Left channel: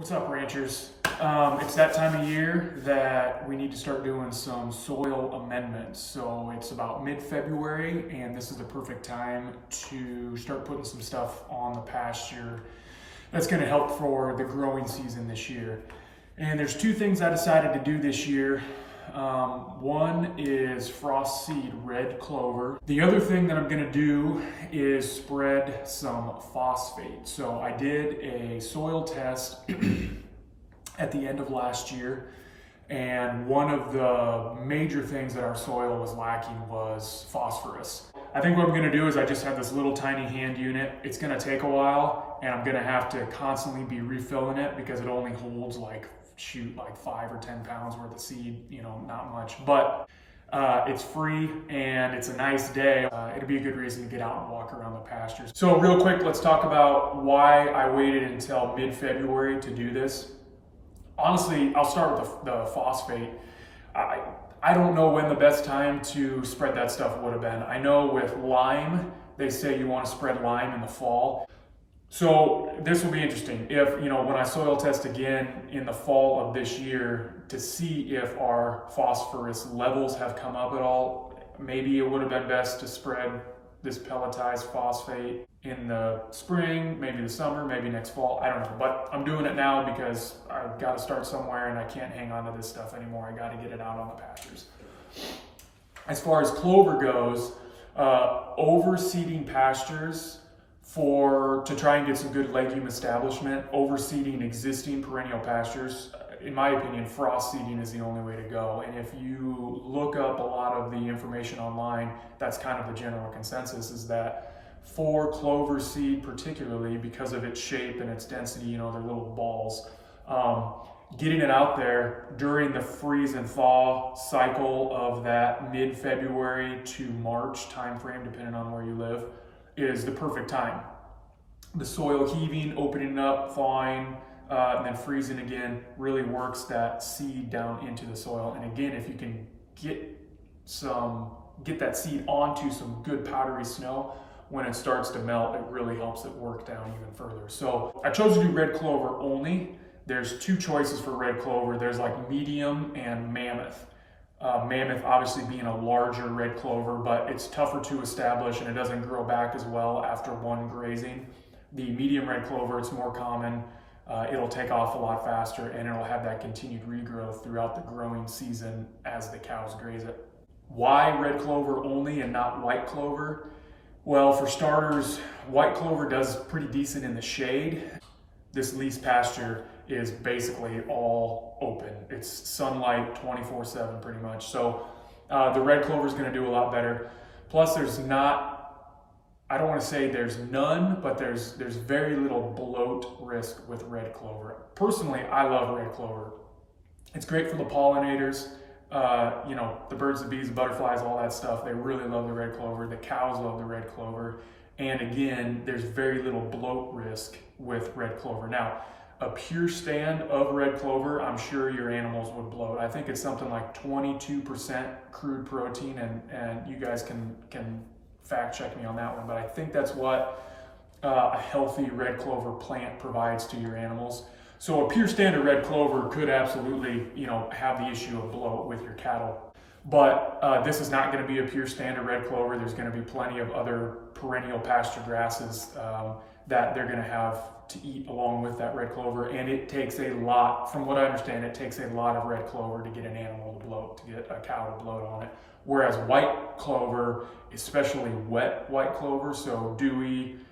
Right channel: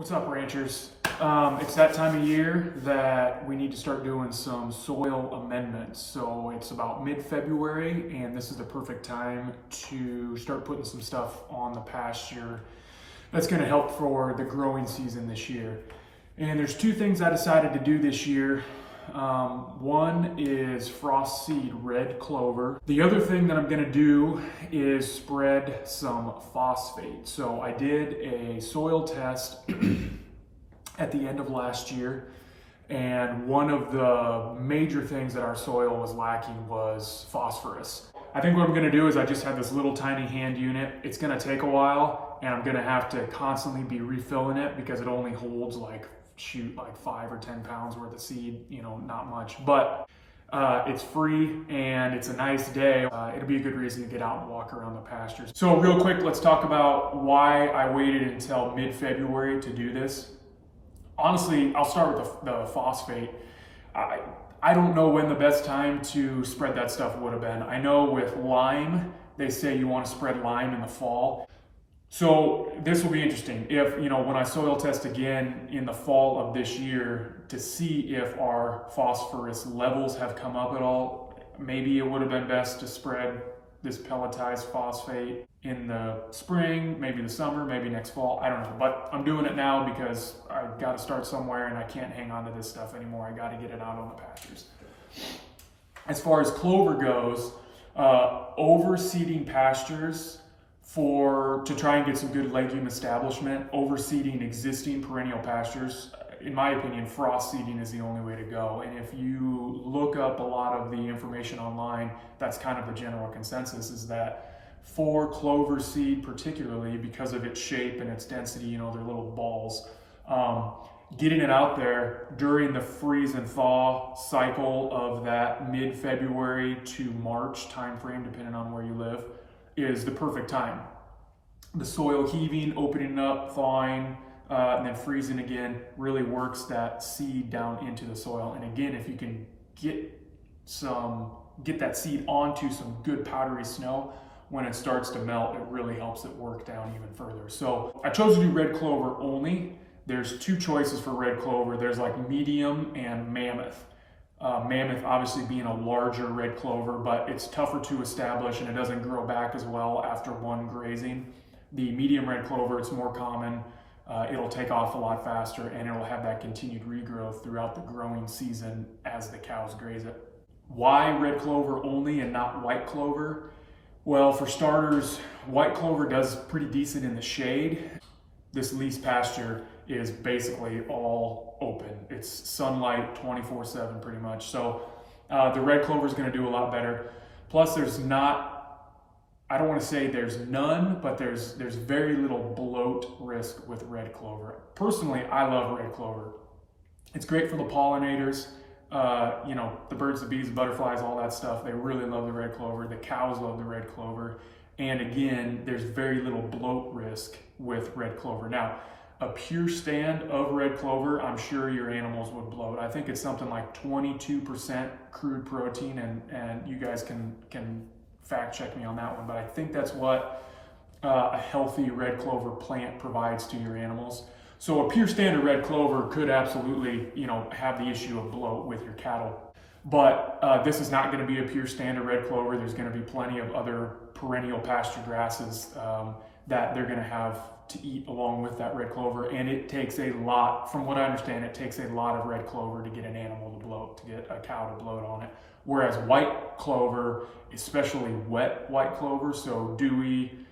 What's up, ranchers? It's that time of year that we need to start doing some soil amendments. So it's about mid-February, and this is the perfect time to start putting some stuff on the pasture that's going to help for the growing season this year. And there's two things I decided to do this year. One is frost seed red clover. The other thing that I'm going to do is spread some phosphate. So I did a soil test at the end of last year, and one of the major things that our soil was lacking was phosphorus. I think what I'm going to do is I just have this little tiny hand unit. It's going to take a while, and I'm going to have to constantly be refilling it because it only holds like 5 or 10 pounds worth of seed, not much, but it's free and it's a nice day. It'll be a good reason to get out and walk around the pastures. So real quick, let's talk about why I waited until mid-February to do this. Honestly, I'll start with the phosphate. I don't know when the best time to spread that stuff would have been. I know with lime, they say you want to spread lime in the fall. So this will be interesting. If, when I soil test again in the fall of this year to see if our phosphorus levels have come up at all, maybe it would have been best to spread this pelletized phosphate in the spring, maybe the summer, maybe next fall. I don't know, but I'm doing it now because I've got to start somewhere and I can't hang on to this stuff anymore. I got to get it out on the pastures. As far as clover goes, overseeding pastures to try and get some good legume establishment, overseeding existing perennial pastures, in my opinion, frost seeding is the only way to go. And if you look up a lot of the information online, that's kind of the general consensus, is that for clover seed particularly, because of its shape and its density, they're little balls, getting it out there during the freeze and thaw cycle of that mid-February to March timeframe, depending on where you live, is the perfect time. The soil heaving, opening up, thawing, and then freezing again really works that seed down into the soil. And again, if you can get that seed onto some good powdery snow, when it starts to melt, it really helps it work down even further. So I chose to do red clover only. There's two choices for red clover. There's like medium and mammoth. Mammoth obviously being a larger red clover, but it's tougher to establish and it doesn't grow back as well after one grazing. The medium red clover, it's more common. It'll take off a lot faster and it'll have that continued regrowth throughout the growing season as the cows graze it. Why red clover only and not white clover? Well, for starters, white clover does pretty decent in the shade. This lease pasture is basically all open. It's sunlight 24/7 pretty much. So the red clover is going to do a lot better. Plus I don't want to say there's none, but there's very little bloat risk with red clover. Personally, I love red clover. It's great for the pollinators. The birds, the bees, the butterflies, all that stuff, they really love the red clover. The cows love the red clover. And again, there's very little bloat risk with red clover. Now, a pure stand of red clover, I'm sure your animals would bloat. I think it's something like 22% crude protein, and you guys can fact check me on that one, but I think that's what a healthy red clover plant provides to your animals. So a pure stand of red clover could absolutely, have the issue of bloat with your cattle. But this is not going to be a pure stand of red clover. There's going to be plenty of other perennial pasture grasses that they're going to have to eat along with that red clover. And it takes a lot, from what I understand, it takes a lot of red clover to get an animal to bloat, to get a cow to bloat on it. Whereas white clover, especially wet white clover, so dewy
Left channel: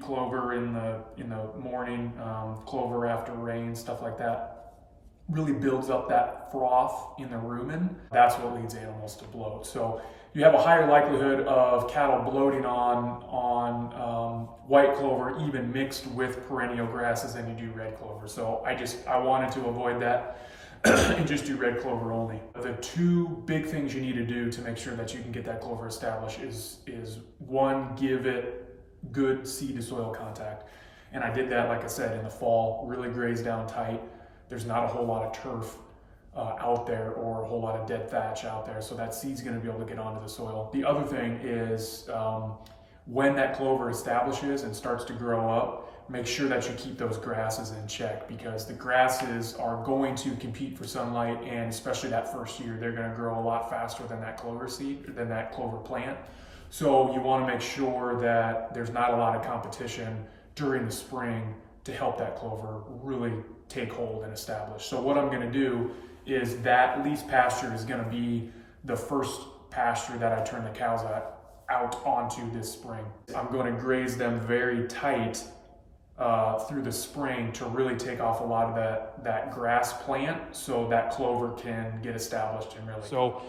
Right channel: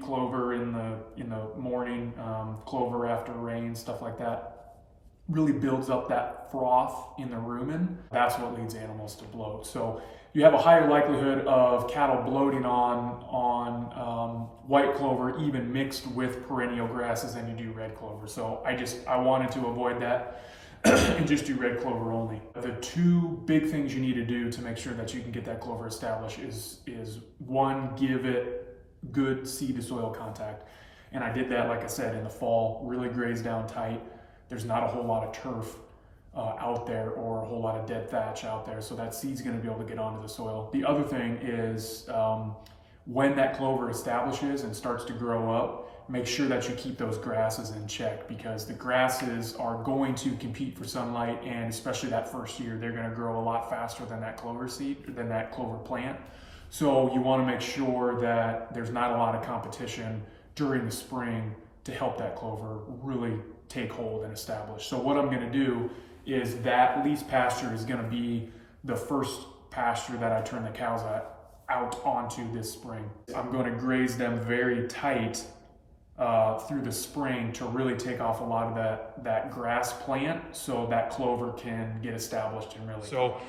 clover in the morning, clover after rain, stuff like that, really builds up that froth in the rumen. That's what leads animals to bloat. So you have a higher likelihood of cattle bloating on white clover, even mixed with perennial grasses, than you do red clover. So I wanted to avoid that and just do red clover only. The two big things you need to do to make sure that you can get that clover established is one, give it good seed to soil contact. And I did that, like I said, in the fall, really grazed down tight. There's not a whole lot of turf out there or a whole lot of dead thatch out there, so that seed's going to be able to get onto the soil. The other thing is when that clover establishes and starts to grow up, make sure that you keep those grasses in check, because the grasses are going to compete for sunlight, and especially that first year, they're going to grow a lot faster than that clover seed, than that clover plant. So you want to make sure that there's not a lot of competition during the spring to help that clover really take hold and establish. So what I'm going to do is that lease pasture is going to be the first pasture that I turn the cows out onto this spring. I'm going to graze them very tight through the spring to really take off a lot of that grass plant, so that clover can get established and really. So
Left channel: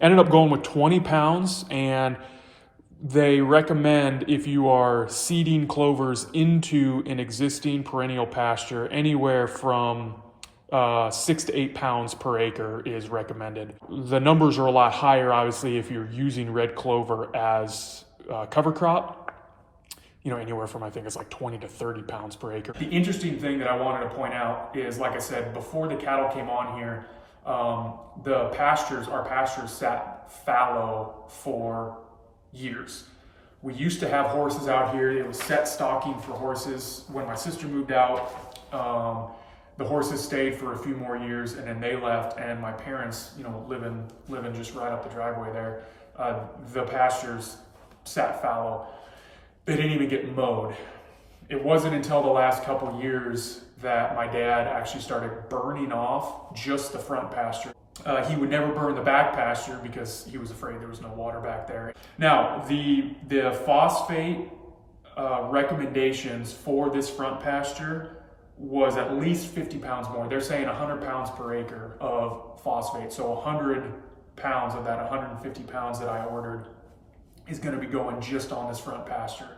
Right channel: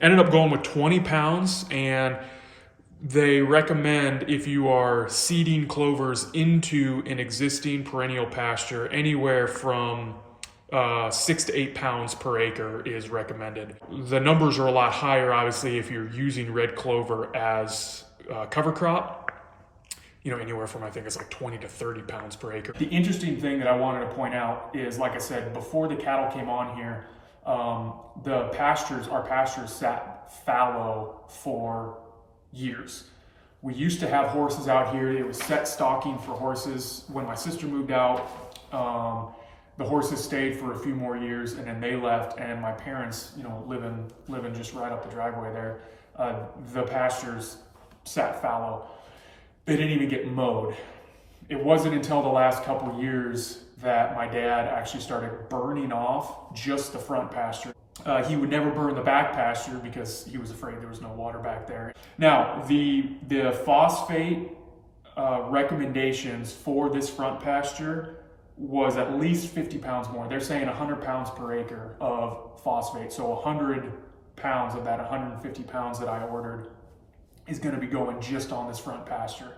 ended up going with 20 pounds, and they recommend, if you are seeding clovers into an existing perennial pasture, anywhere from 6 to 8 pounds per acre is recommended. The numbers are a lot higher, obviously, if you're using red clover as cover crop. You know, anywhere from, I think it's like 20 to 30 pounds per acre. The interesting thing that I wanted to point out is, like I said, before the cattle came on here, our pastures sat fallow for years. We used to have horses out here. It was set stocking for horses. When my sister moved out, the horses stayed for a few more years, and then they left, and my parents, you know, living just right up the driveway there, the pastures sat fallow. They didn't even get mowed. It wasn't until the last couple years that my dad actually started burning off just the front pasture. He would never burn the back pasture because he was afraid there was no water back there. Now, the phosphate recommendations for this front pasture was at least 50 pounds more. They're saying 100 pounds per acre of phosphate. So 100 pounds of that 150 pounds that I ordered is going to be going just on this front pasture.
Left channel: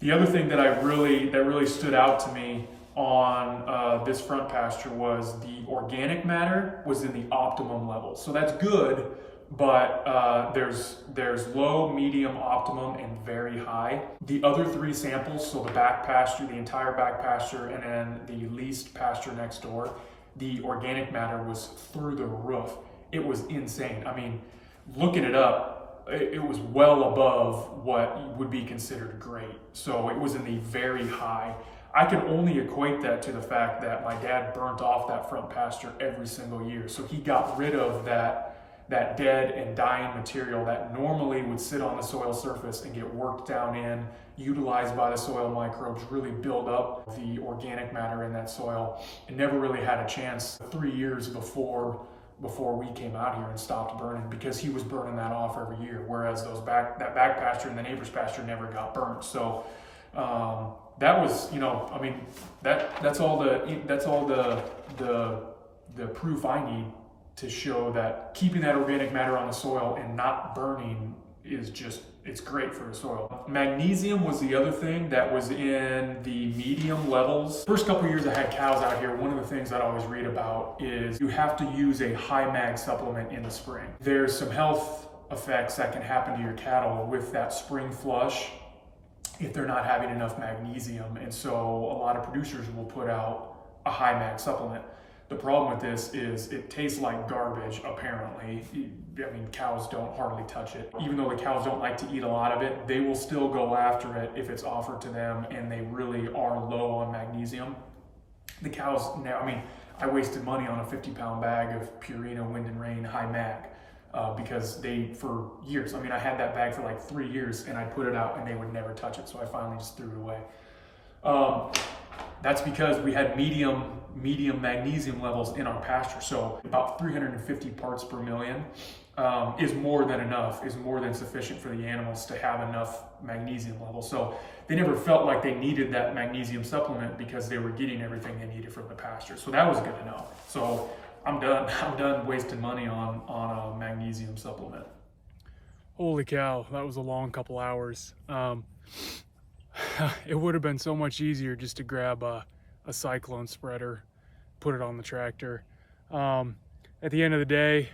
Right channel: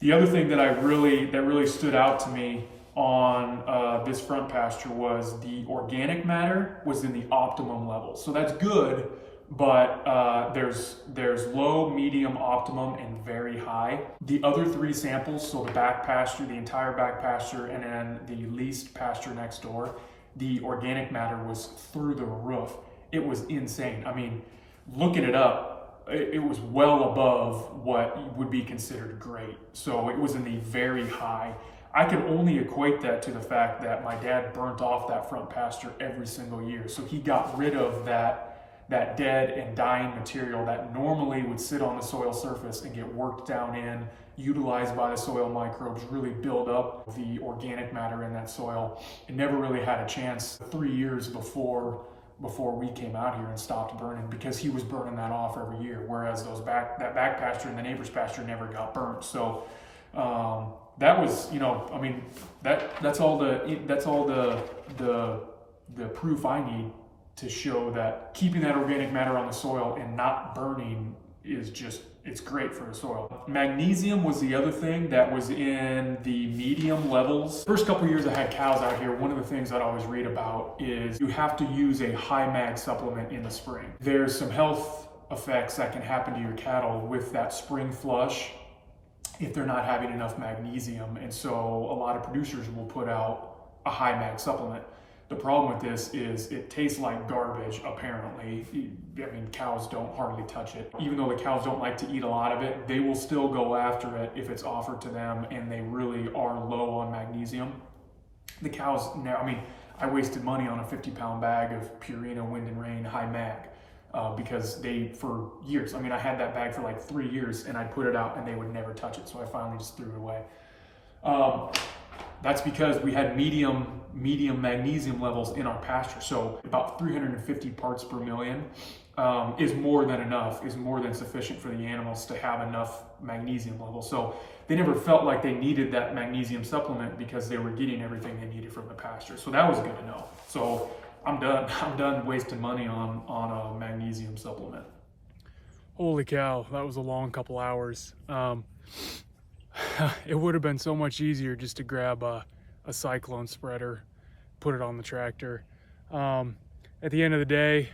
The other thing that really stood out to me on this front pasture was the organic matter was in the optimum level. So that's good, but there's low, medium, optimum, and very high. The other three samples, so the back pasture, the entire back pasture, and then the leased pasture next door, the organic matter was through the roof. It was insane. I mean, looking it up, it was well above what would be considered great. So it was in the very high. I can only equate that to the fact that my dad burnt off that front pasture every single year. So he got rid of that dead and dying material that normally would sit on the soil surface and get worked down in, utilized by the soil microbes, really build up the organic matter in that soil. It never really had a chance 3 years before we came out here and stopped burning, because he was burning that off every year, whereas that back pasture and the neighbor's pasture never got burnt. So that was, you know, I mean, that's all the proof I need to show that keeping that organic matter on the soil and not burning is just, it's great for the soil. Magnesium was the other thing that was in the medium levels. First couple years I had cows out here, one of the things that I always read about is you have to use a high mag supplement in the spring. There's some health effects that can happen to your cattle with that spring flush if they're not having enough magnesium. And so a lot of producers will put out a high mag supplement. The problem with this is it tastes like garbage, apparently. I mean, cows don't hardly touch it. Even though the cows don't like to eat a lot of it, they will still go after it if it's offered to them and they really are low on magnesium. The cows, now, I mean, I wasted money on a 50-pound bag of Purina Wind and Rain high mag because they, for years, I mean, I had that bag for like 3 years and I'd put it out and they would never touch it. So I finally just threw it away. That's because we had medium magnesium levels in our pasture. So about 350 parts per million is more than enough, is more than sufficient for the animals to have enough magnesium levels. So they never felt like they needed that magnesium supplement because they were getting everything they needed from the pasture. So that was good to know. So I'm done wasting money on a magnesium supplement. Holy cow, that was a long couple hours. It would have been so much easier just to grab a cyclone spreader, put it on the tractor. At the end of the day,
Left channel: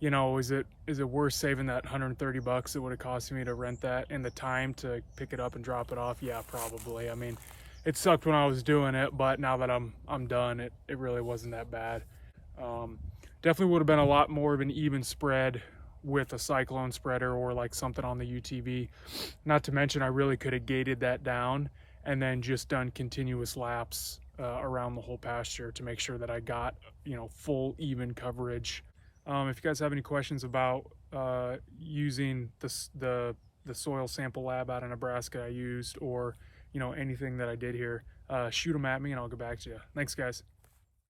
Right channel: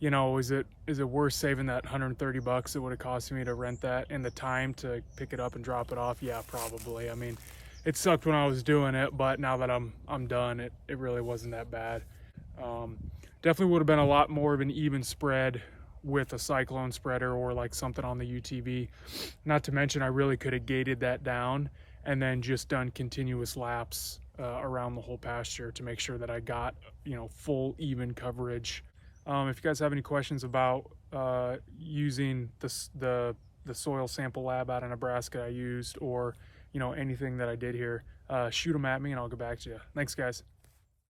you know, is it worth saving that $130 it would have cost me to rent that and the time to pick it up and drop it off? Yeah, probably. I mean, it sucked when I was doing it, but now that I'm done, it really wasn't that bad. Definitely would have been a lot more of an even spread with a cyclone spreader or like something on the UTV. Not to mention I really could have gated that down and then just done continuous laps around the whole pasture to make sure that I got, full even coverage. If you guys have any questions about using the soil sample lab out of Nebraska I used, or anything that I did here, shoot them at me and I'll get back to you. Thanks, guys.